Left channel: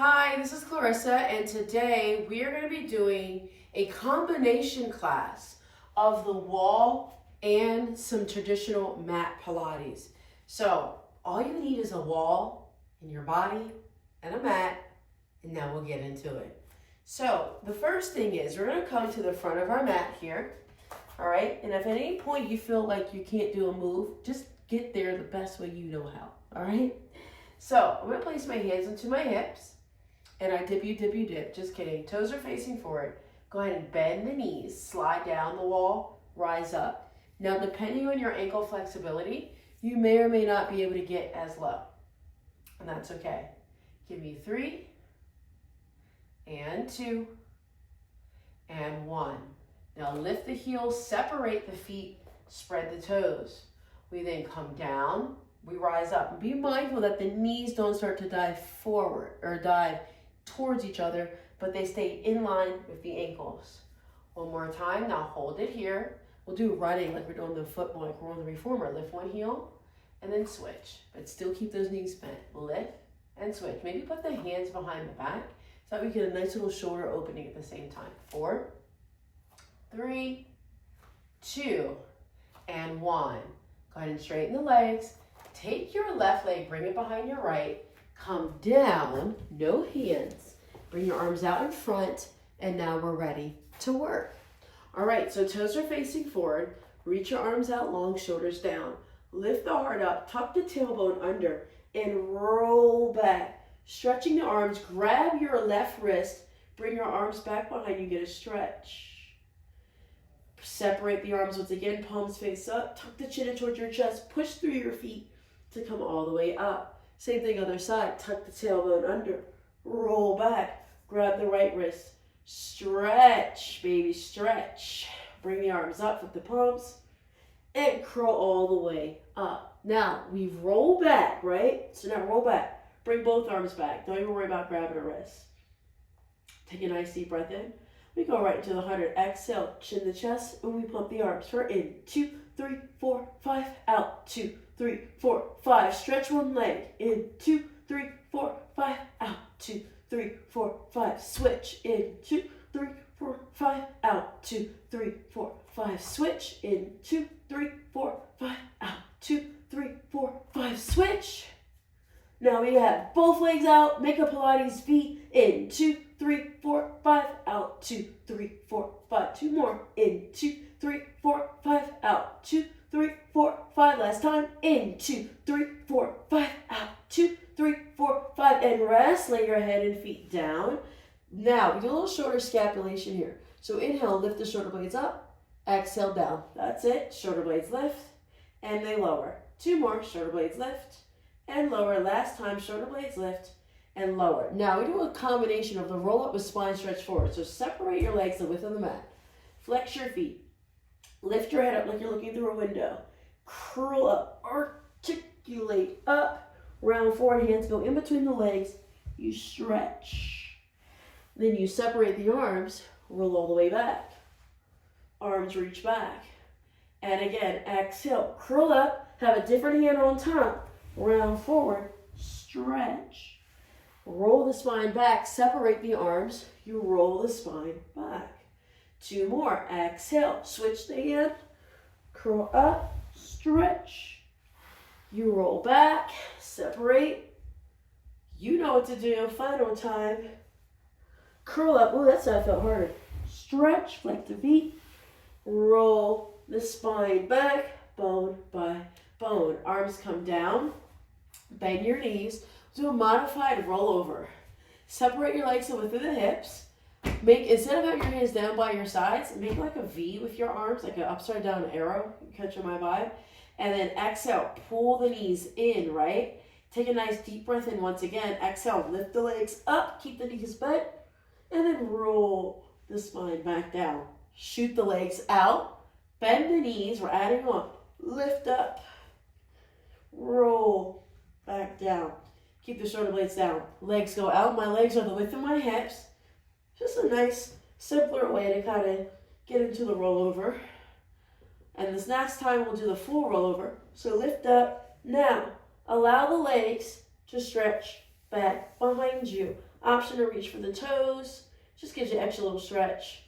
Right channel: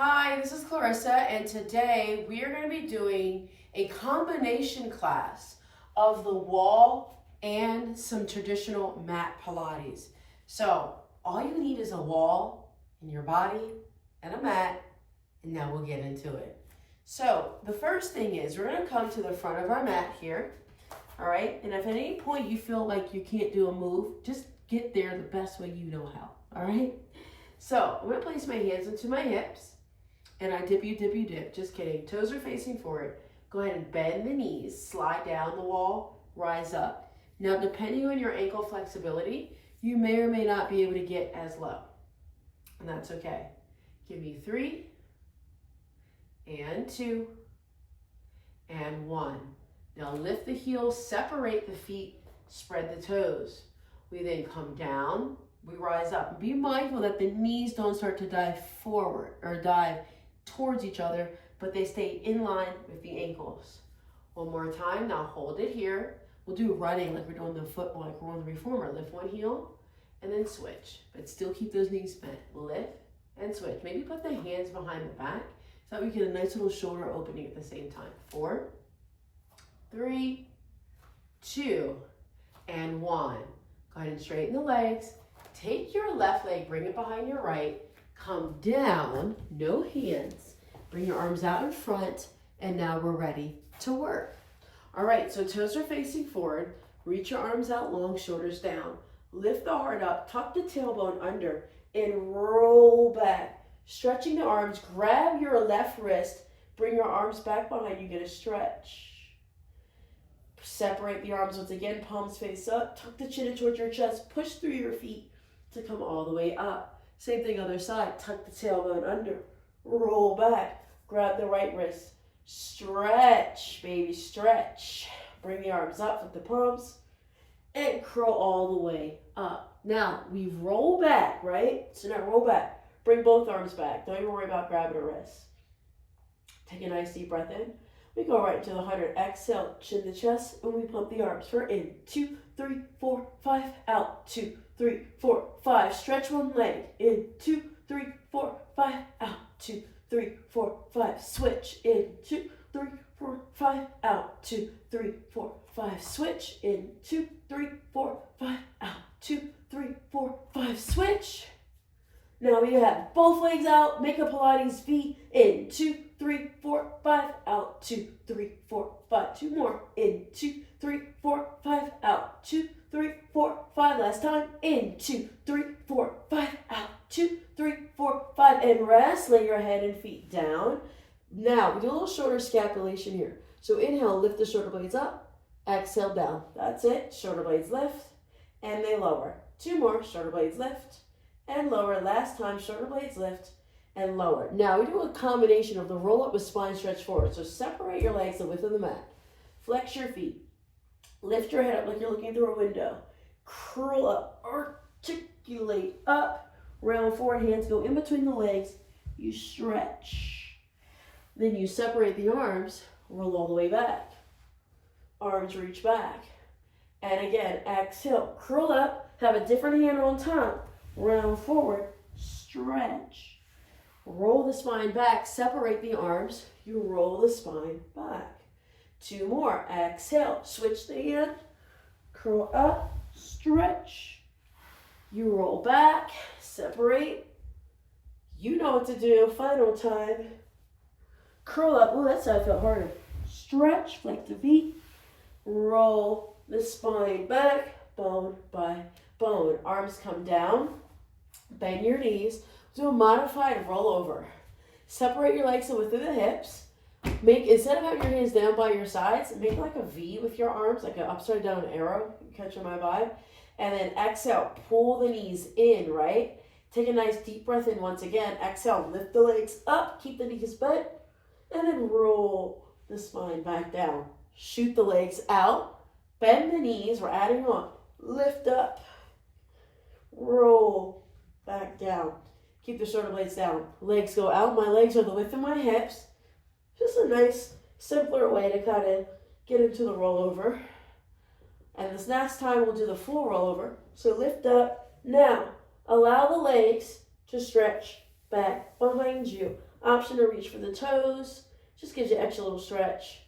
Hi, this is Clarissa, and today we are going to be doing a combination class of the wall and some traditional mat Pilates. So all you need is a wall in your body and a mat, and now we'll get into it. So the first thing is we're going to come to the front of our mat here, all right? And if at any point you feel like you can't do a move, just get there the best way you know how, all right? So I'm going to place my hands into my hips. And I dip, you dip. Just kidding. Toes are facing forward. Go ahead and bend the knees. Slide down the wall. Rise up. Now, depending on your ankle flexibility, you may or may not be able to get as low. And that's okay. Give me 3, and 2, and 1. Now, lift the heels, separate the feet, spread the toes. We then come down. We rise up. Be mindful that the knees don't start to dive forward or dive towards each other, but they stay in line with the ankles. One more time. Now hold it here. We'll do running like we're doing the football, like we're on the reformer. Lift one heel and then switch, but still keep those knees bent. Lift and switch. Maybe put the hands behind the back so that we get a nice little shoulder opening at the same time. 4, 3, 2, and 1. Go ahead and straighten the legs. Take your left leg, bring it behind your right. Come down, no hands. Bring your arms out in front, and now we're ready to work. All right, so toes are facing forward. Reach your arms out long, shoulders down. Lift the heart up, tuck the tailbone under, and roll back. Stretching the arms, grab your left wrist, bring your arms back behind you, get a stretch. Separate the arms once again, palms face up, tuck the chin in towards your chest, push through your feet to come all the way up. Same thing other side, tuck the tailbone under, roll back, grab the right wrist, stretch, baby, stretch. Bring the arms up with the palms and curl all the way up. Now, we roll back, right? So now roll back, bring both arms back. Don't even worry about grabbing a wrist. Take a nice deep breath in. We go right into the 100. Exhale, chin the chest, and we pump the arms. For in, 2, 3, 4, 5, out, 2, 3, 4, 5. Stretch one leg. In, 2, 3, 4, 5, out, 2, 3, 4, 5. Switch. In, 2, 3, 4, 5, out, 2, 3, 4, 5. Switch. In, 2, 3, 4, 5, out, 2, 3, 4, 5. Switch. Now we have both legs out. Make a Pilates V. In, 2, 3, 4, 5, out, 2, 3, 4, 5. 2 more. In, 2, 3, 4, 5, out, 2, 3, 4, 5. Last time. In, 2, 3, 4, 5, out, 2, 3, 4, 5. And rest. Lay your head and feet down. Now, we do a little shoulder scapulation here. So inhale, lift the shoulder blades up. Exhale, down. That's it. Shoulder blades lift, and they lower. 2 more. Shoulder blades lift, and lower. Last time, shoulder blades lift, and lower. Now, we do a combination of the roll up with spine stretch forward. So separate your legs the width of the mat. Flex your feet. Lift your head up like you're looking through a window. Curl up. Articulate up. Round forward. Hands go in between the legs. You stretch. Then you separate the arms. Roll all the way back. Arms reach back. And again, exhale. Curl up. Have a different hand on top. Round forward. Stretch. Roll the spine back, separate the arms, you roll the spine back. 2 more, exhale, switch the hand, curl up, stretch. You roll back, separate. You know what to do, final time. Curl up, oh, that side felt harder. Stretch, flex the feet, roll the spine back, bone by bone. Arms come down, bend your knees. Do a modified rollover. Separate your legs to the width of the hips. Instead of having your hands down by your sides, make like a V with your arms, like an upside down arrow. Catching my vibe. And then exhale, pull the knees in, right? Take a nice deep breath in once again. Exhale, lift the legs up, keep the knees bent, and then roll the spine back down. Shoot the legs out, bend the knees, we're adding on. Lift up, roll back down. Keep the shoulder blades down. Legs go out. My legs are the width of my hips. Just a nice, simpler way to kind of get into the rollover. And this next time we'll do the full rollover. So lift up. Now, allow the legs to stretch back behind you. Option to reach for the toes. Just gives you extra little stretch.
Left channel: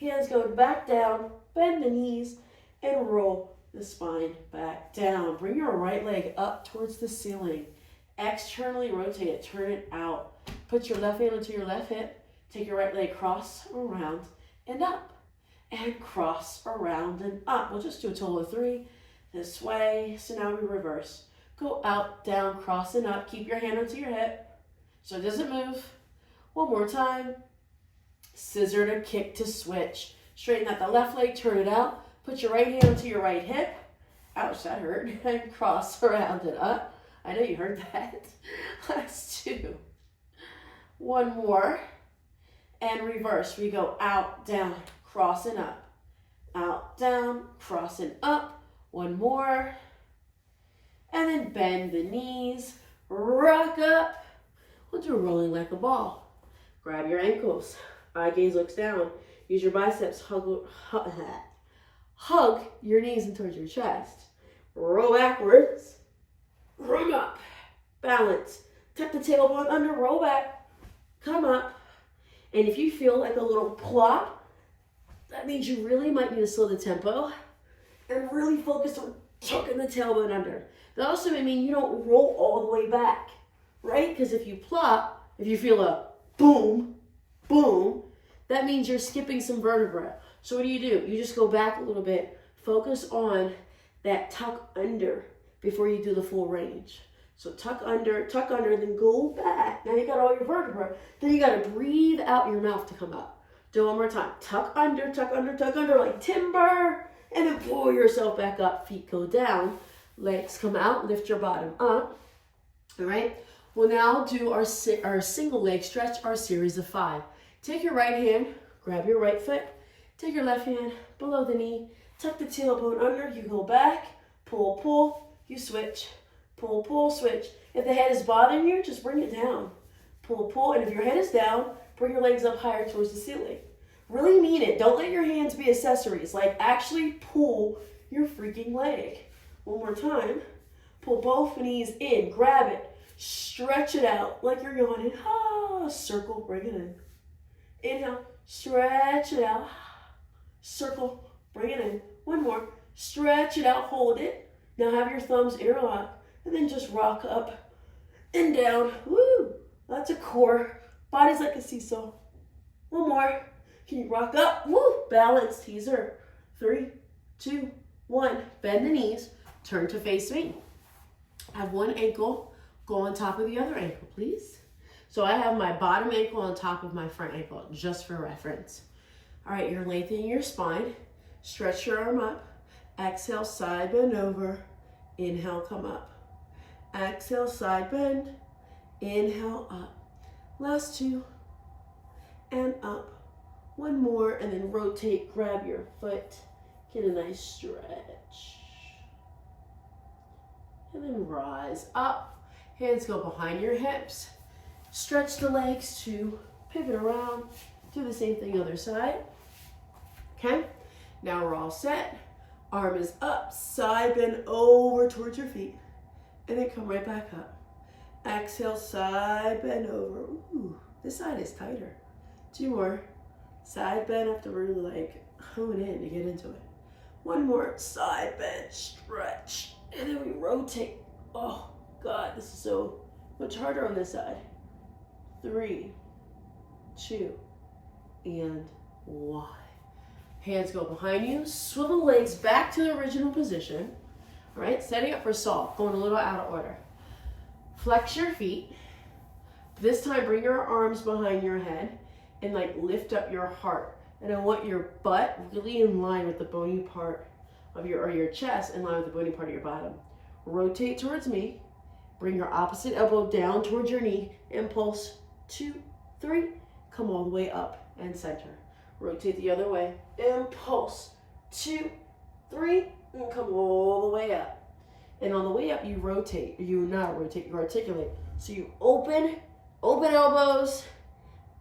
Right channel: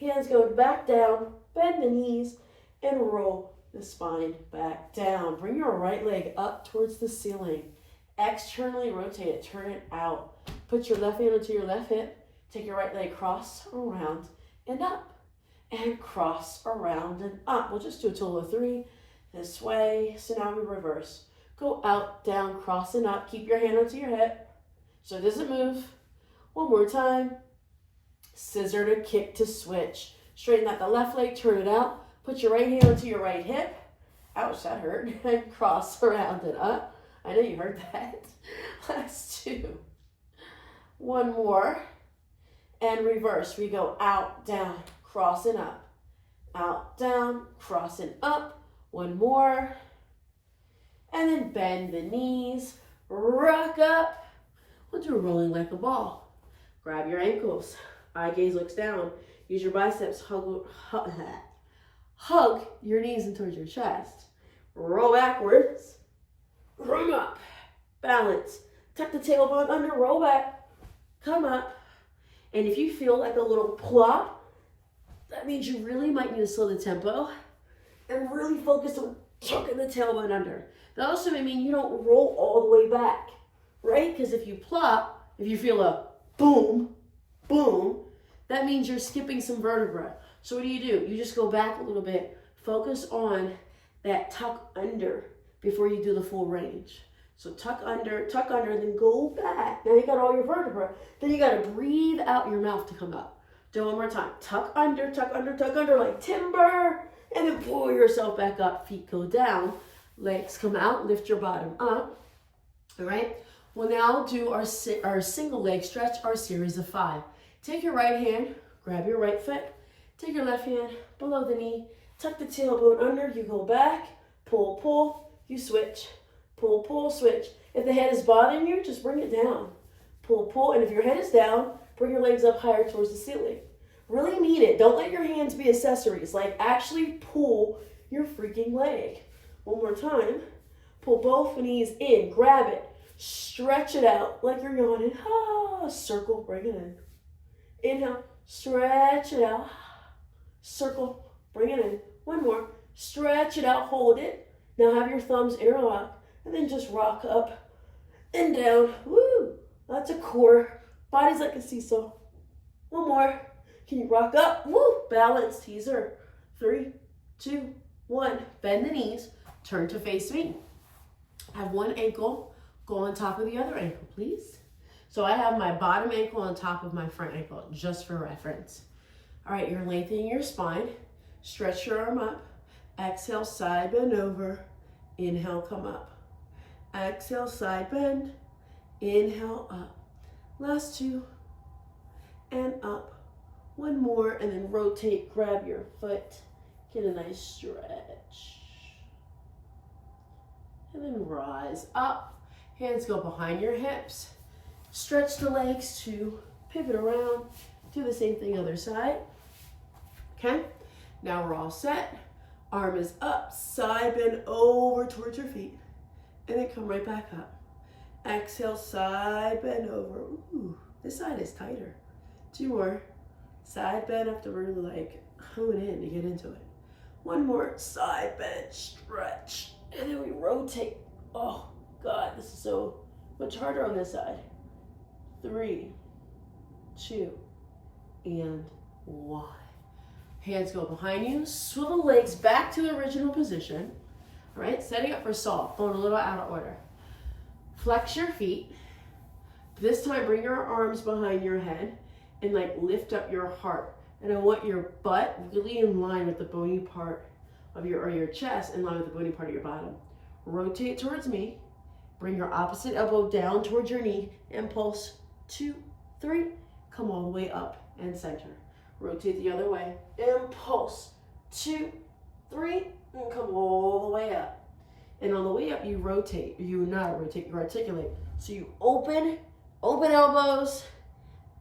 Hands go back down, bend the knees, and roll the spine back down. Bring your right leg up towards the ceiling. Externally rotate it, turn it out. Put your left hand onto your left hip. Take your right leg cross around and up. And cross around and up. We'll just do a total of 3 this way. So now we reverse. Go out, down, cross and up. Keep your hand onto your hip so it doesn't move. One more time. Scissor to kick to switch. Straighten out the left leg, turn it out. Put your right hand onto your right hip. Ouch, that hurt. And cross around and up. I know you heard that. Last 2. One more. And reverse. We go out, down, cross and up. Out, down, cross and up. One more. And then bend the knees. Rock up. We'll do rolling like a ball. Grab your ankles. Eye gaze looks down. Use your biceps. Hug your knees in towards your chest. Roll backwards. Run up. Balance. Tuck the tailbone under. Roll back. Come up. And if you feel like a little plop, that means you really might need to slow the tempo and really focus on tucking the tailbone under. That also may mean you don't roll all the way back, right? Because if you plop, if you feel a boom, boom, that means you're skipping some vertebra. So what do? You just go back a little bit. Focus on that tuck under before you do the full range. So tuck under, and then go back. Now you got all your vertebra. Then you got to breathe out your mouth to come up. Do it one more time. Tuck under, like timber. And then pull yourself back up. Feet go down. Legs come out. Lift your bottom up. All right. We'll now do our single leg stretch, our series of 5. Take your right hand. Grab your right foot. Take your left hand below the knee. Tuck the tailbone under. You go back. Pull, pull. You switch. Pull, pull, switch. If the head is bothering you, just bring it down. Pull, pull. And if your head is down, bring your legs up higher towards the ceiling. Really mean it. Don't let your hands be accessories. Like, actually pull your freaking leg. One more time. Pull both knees in. Grab it. Stretch it out like you're yawning. Ah, circle. Bring it in. Inhale. Stretch it out. Circle. Bring it in. One more. Stretch it out. Hold it. Now have your thumbs interlock. And then just rock up and down. Woo! That's a core. Body's like a seesaw. One more. Can you rock up? Woo! Balance. Teaser. 3, 2, 1. Bend the knees. Turn to face me. Have one ankle go on top of the other ankle, please. So I have my bottom ankle on top of my front ankle, just for reference. All right, you're lengthening your spine. Stretch your arm up. Exhale, side bend over. Inhale, come up. Exhale, side bend. Inhale, up. Last 2. And up. One more, and then rotate, grab your foot. Get a nice stretch. And then rise up. Hands go behind your hips. Stretch the legs to pivot around. Do the same thing other side. Okay? Now we're all set. Arm is up. Side bend over towards your feet. And then come right back up. Exhale, side bend over. Ooh, this side is tighter. 2 more. Side bend, have to really like hone in to get into it. One more. Side bend, stretch. And then we rotate. Oh, God, this is so much harder on this side. 3, 2, and 1. Hands go behind you. Swivel legs back to the original position. All right, setting up for salt. Going a little out of order. Flex your feet. This time, bring your arms behind your head and like lift up your heart. And I want your butt really in line with the bony part of your chest, in line with the bony part of your bottom. Rotate towards me. Bring your opposite elbow down towards your knee. Impulse. 2, 3. Come all the way up and center. Rotate the other way. Impulse. 2, 3. And come all the way up. And on the way up, you rotate. You not rotate, you articulate. So you open elbows,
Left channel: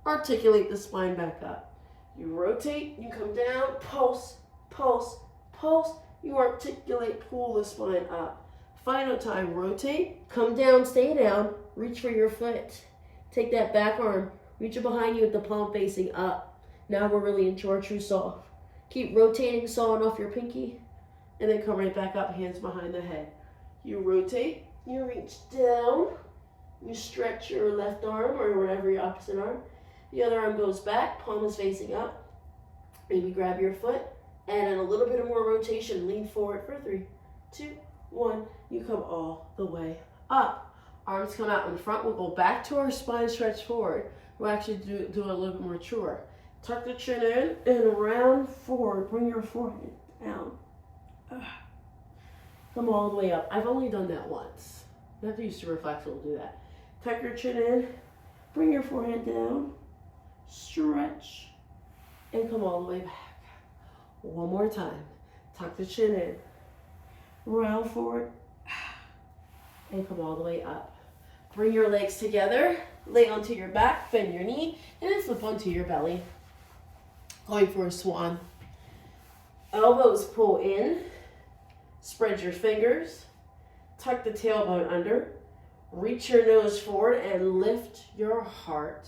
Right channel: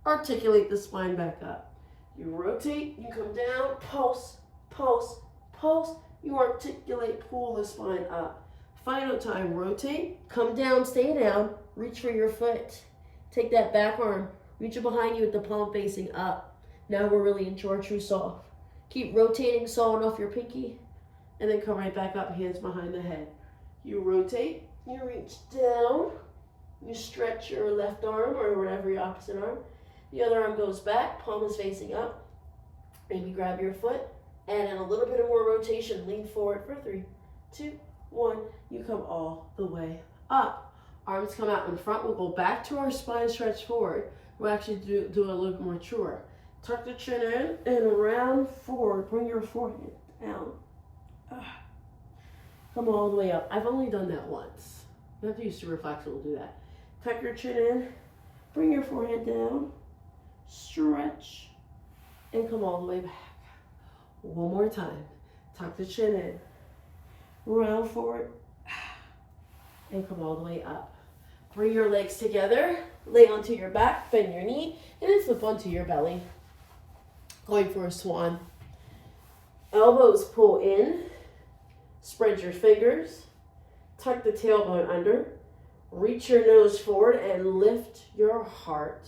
articulate the spine back up. You rotate, you come down, pulse, pulse, pulse. You articulate, pull the spine up. Final time, rotate, come down, stay down, reach for your foot. Take that back arm, reach it behind you with the palm facing up. Now we're really into our true saw. Keep rotating, sawing off your pinky, and then come right back up, hands behind the head. You rotate, you reach down, you stretch your left arm or whatever your opposite arm. The other arm goes back, palm is facing up. Maybe grab your foot, and then a little bit of more rotation, lean forward for 3, 2, 1. You come all the way up. Arms come out in front. We'll go back to our spine stretch forward. We'll actually do a little bit more truer. Tuck the chin in and round forward. Bring your forehead down. Come all the way up. I've only done that once. You have to use super flexible to do that. Tuck your chin in. Bring your forehead down. Stretch. And come all the way back. One more time. Tuck the chin in. Round forward. And come all the way up. Bring your legs together. Lay onto your back. Bend your knee. And then flip onto your belly. Going for a swan. Elbows pull in. Spread your fingers. Tuck the tailbone under. Reach your nose forward and lift your heart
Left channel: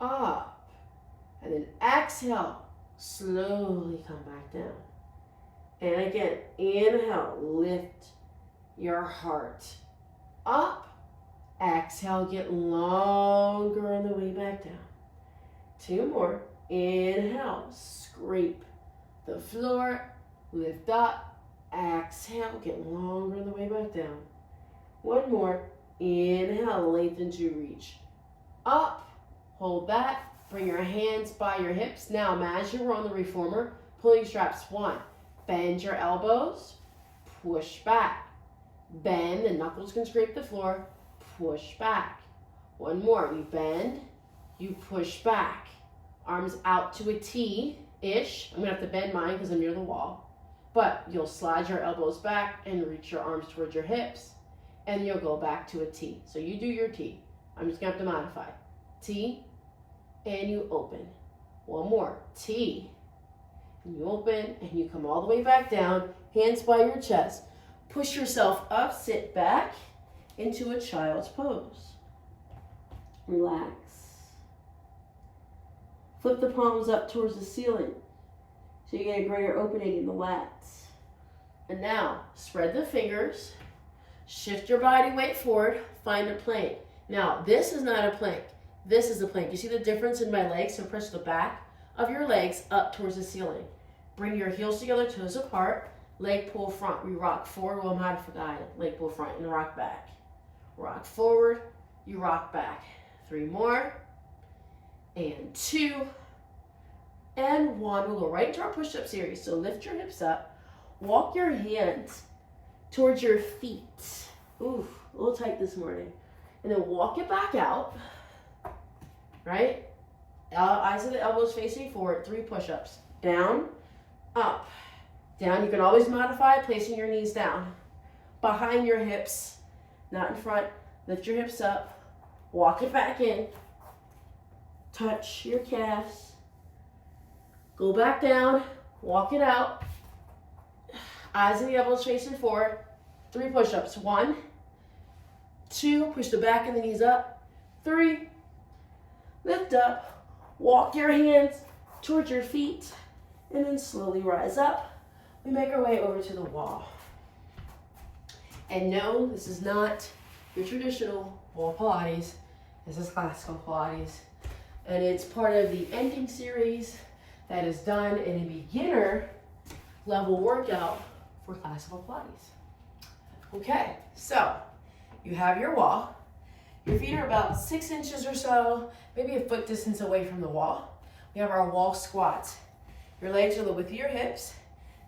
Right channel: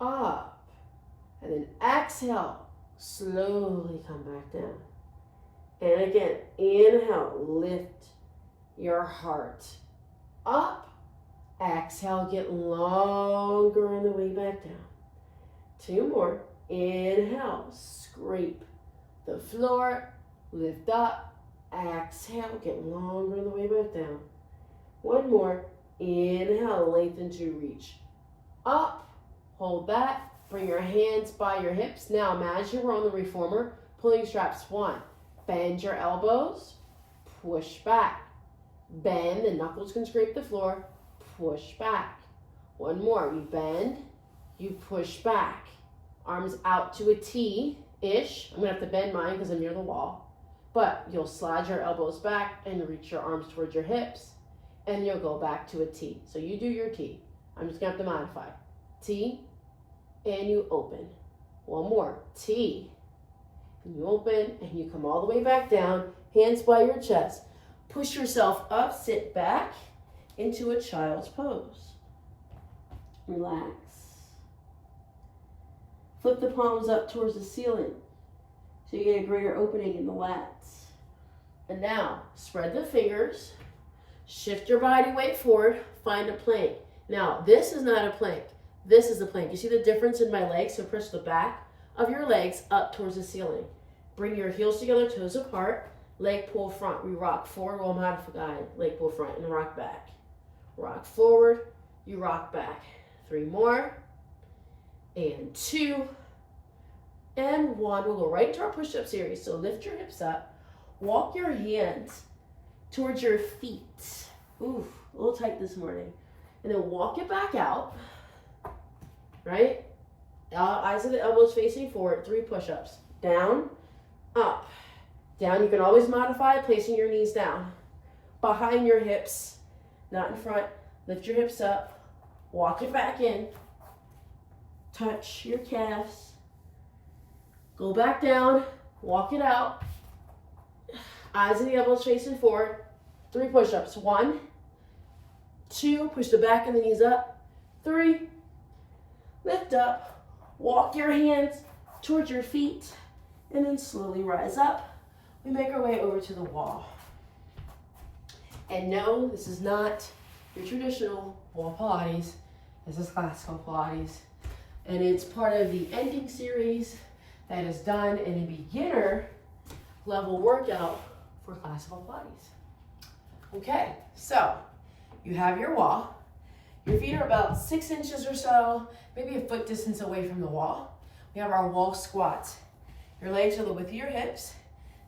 up. And then exhale. Slowly come back down. And again, inhale. Lift your heart up. Exhale. Get longer on the way back down. 2 more. Inhale, scrape the floor, lift up, exhale, get longer on the way back down. 1 more, inhale, lengthen to reach up, hold that, bring your hands by your hips. Now imagine we're on the reformer, pulling straps. 1, bend your elbows, push back, bend, the knuckles can scrape the floor, push back. 1 more, you bend, you push back. Arms out to a T-ish. I'm gonna have to bend mine because I'm near the wall. But you'll slide your elbows back and reach your arms towards your hips. And you'll go back to a T. So you do your T. I'm just gonna have to modify. T, and you open. 1 more, T. And you open, and you come all the way back down. Hands by your chest. Push yourself up, sit back into a child's pose. Relax. Flip the palms up towards the ceiling so you get a greater opening in the lats. And now, spread the fingers, shift your body weight forward, find a plank. Now, this is not a plank. This is a plank. You see the difference in my legs? So push the back of your legs up towards the ceiling. Bring your heels together, toes apart, leg pull front. We rock forward while modified. Leg pull front and rock back. Rock forward, you rock back. 3 more. And 2, and 1. We'll go right into our push-up series. So lift your hips up, walk your hands towards your feet. Ooh, a little tight this morning. And then walk it back out, right? Eyes of the elbows facing forward, 3 push-ups. Down, up, down. You can always modify placing your knees down. Behind your hips, not in front. Lift your hips up, walk it back in. Touch your calves. Go back down. Walk it out. Eyes and the elbows facing forward. 3 push-ups. 1, 2. Push the back of the knees up. 3. Lift up. Walk your hands towards your feet. And then slowly rise up. We make our way over to the wall. And no, this is not your traditional wall Pilates. This is classical Pilates. And it's part of the ending series that is done in a beginner level workout for classical Pilates. Okay, so you have your wall. Your feet are about 6 inches or so, maybe a foot distance away from the wall. We have our wall squats. Your legs are the width of your hips.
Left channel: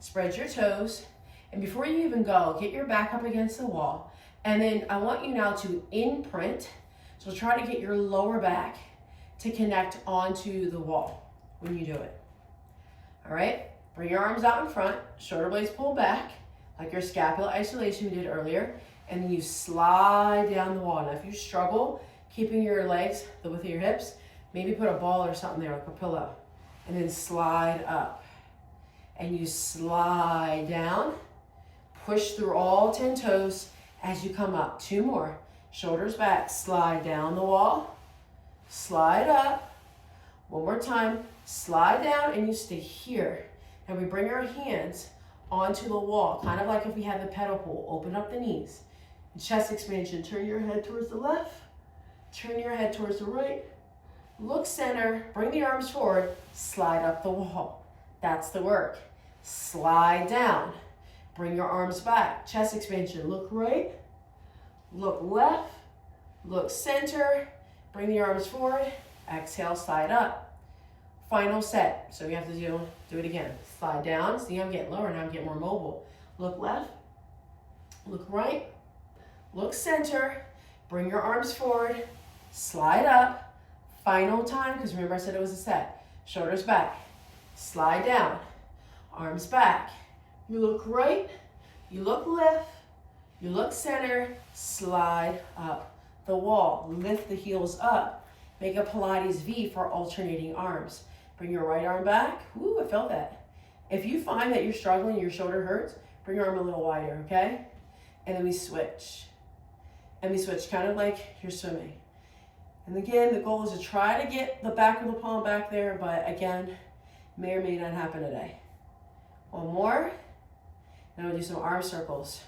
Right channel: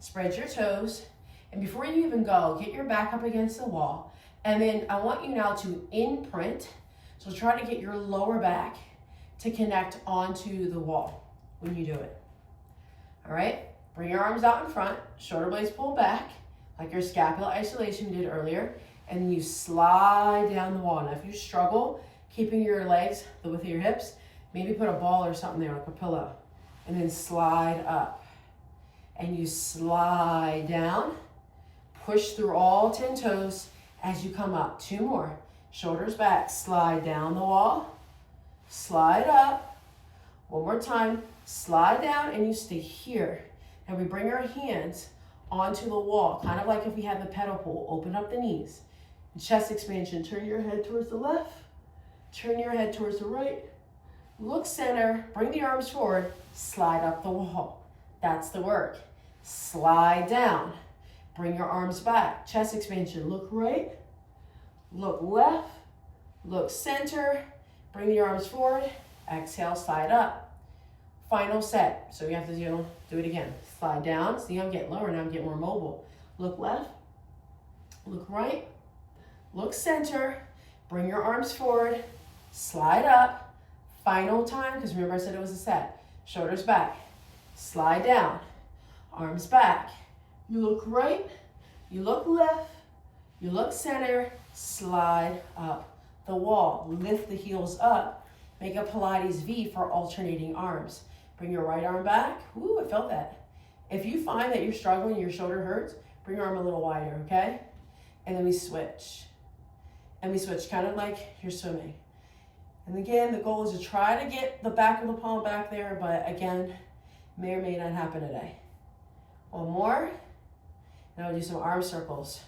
Spread your toes. And before you even go, get your back up against the wall. And then I want you now to imprint. So try to get your lower back to connect onto the wall when you do it. All right, bring your arms out in front, shoulder blades pull back, like your scapular isolation we did earlier, and then you slide down the wall. Now if you struggle keeping your legs the width of your hips, maybe put a ball or something there, like a pillow, and then slide up. And you slide down, push through all 10 toes, as you come up. 2 more. Shoulders back, slide down the wall, slide up. 1 more time, slide down, and you stay here. And we bring our hands onto the wall, kind of like if we had the pedal pull. Open up the knees. Chest expansion, turn your head towards the left, turn your head towards the right. Look center, bring the arms forward, slide up the wall. That's the work. Slide down, bring your arms back. Chest expansion, look right, look left, look center, bring the arms forward, exhale, slide up. Final set, so we have to do it again. Slide down, see I'm getting lower now, I'm getting more mobile. Look left, look right, look center, bring your arms forward, slide up. Final time, because remember I said it was a set. Shoulders back, slide down, arms back. You look right, you look left, you look center, slide up the wall. Lift the heels up. Make a Pilates V for alternating arms. Bring your right arm back. Ooh, I felt that. If you find that you're struggling, your shoulder hurts, bring your arm a little wider, okay? And then we switch. And we switch kind of like you're swimming. And again, the goal is to try to get the back of the palm back there, but again, may or may not happen today. 1 more. Now we'll do some arm circles.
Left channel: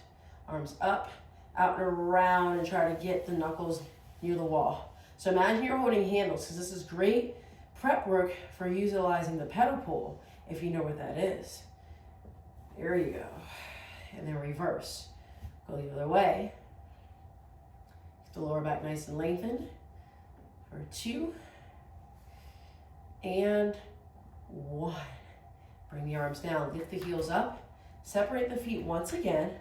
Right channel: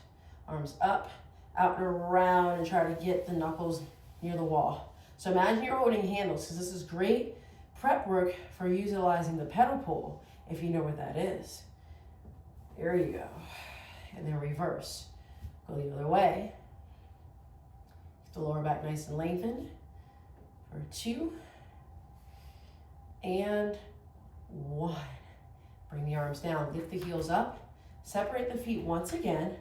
Arms up, out and around, and try to get the knuckles near the wall. So imagine you're holding handles, because this is great prep work for utilizing the pedal pull, if you know what that is. There you go. And then reverse. Go the other way. Keep the lower back nice and lengthened. For 2 and 1. Bring the arms down, lift the heels up, separate the feet once again,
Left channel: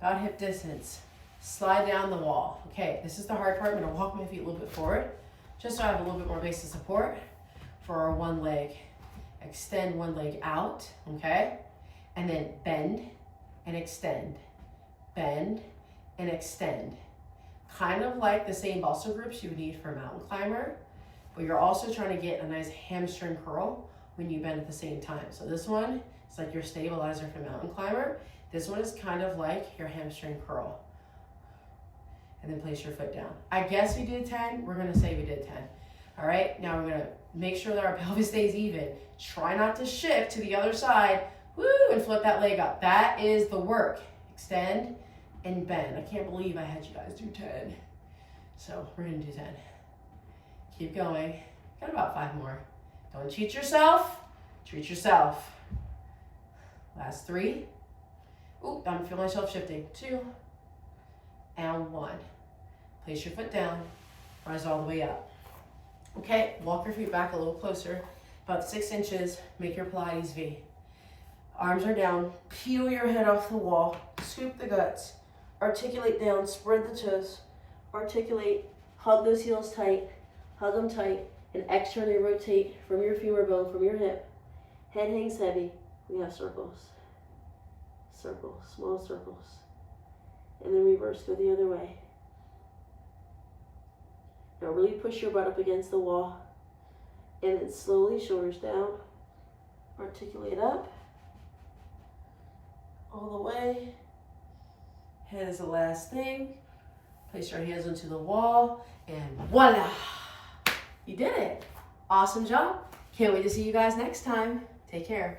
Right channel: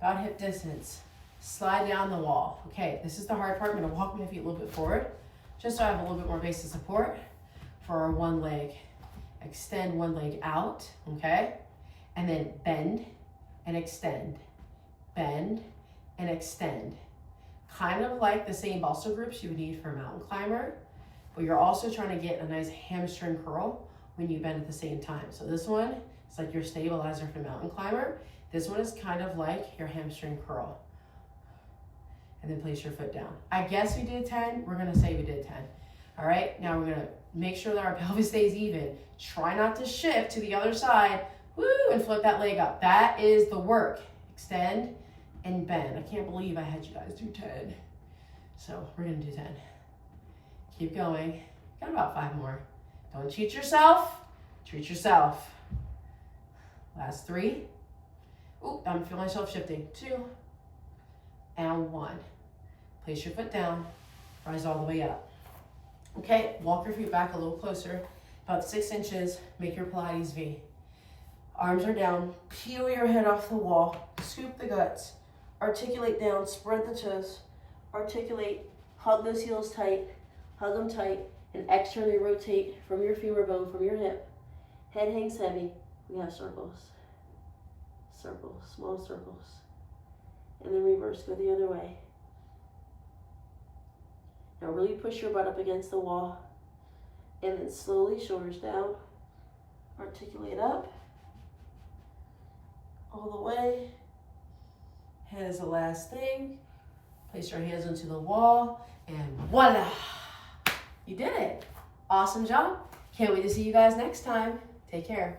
about hip distance. Slide down the wall. Okay, this is the hard part. I'm gonna walk my feet a little bit forward, just so I have a little bit more base of support for our 1 leg. Extend 1 leg out, okay? And then bend and extend. Bend and extend. Kind of like the same muscle groups you would need for a mountain climber, but you're also trying to get a nice hamstring curl when you bend at the same time. So this one is like your stabilizer for mountain climber. This one is kind of like your hamstring curl. And then place your foot down. I guess we did 10. We're gonna say we did 10. All right, now we're gonna make sure that our pelvis stays even. Try not to shift to the other side. Woo, and flip that leg up. That is the work. Extend and bend. I can't believe I had you guys do 10. So we're gonna do 10. Keep going. Got about 5 more. Don't cheat yourself. Treat yourself. Last 3. Ooh, I'm feeling myself shifting. 2 and 1. Place your foot down. Rise all the way up. Okay, walk your feet back a little closer. About 6 inches. Make your Pilates V. Arms are down. Peel your head off the wall. Scoop the guts. Articulate down. Spread the toes. Articulate. Hug those heels tight. Hug them tight. And externally rotate from your femur bone, from your hip. Head hangs heavy. We have circles. Circles. Small circles. And then reverse. Go the other way. Now really push your butt up against the wall. And then slowly shoulders down. Articulate up. All the way. Head is the last thing. Place your hands onto the wall. And voila! You did it. Awesome job. Can't wait to see you guys next time. Take care.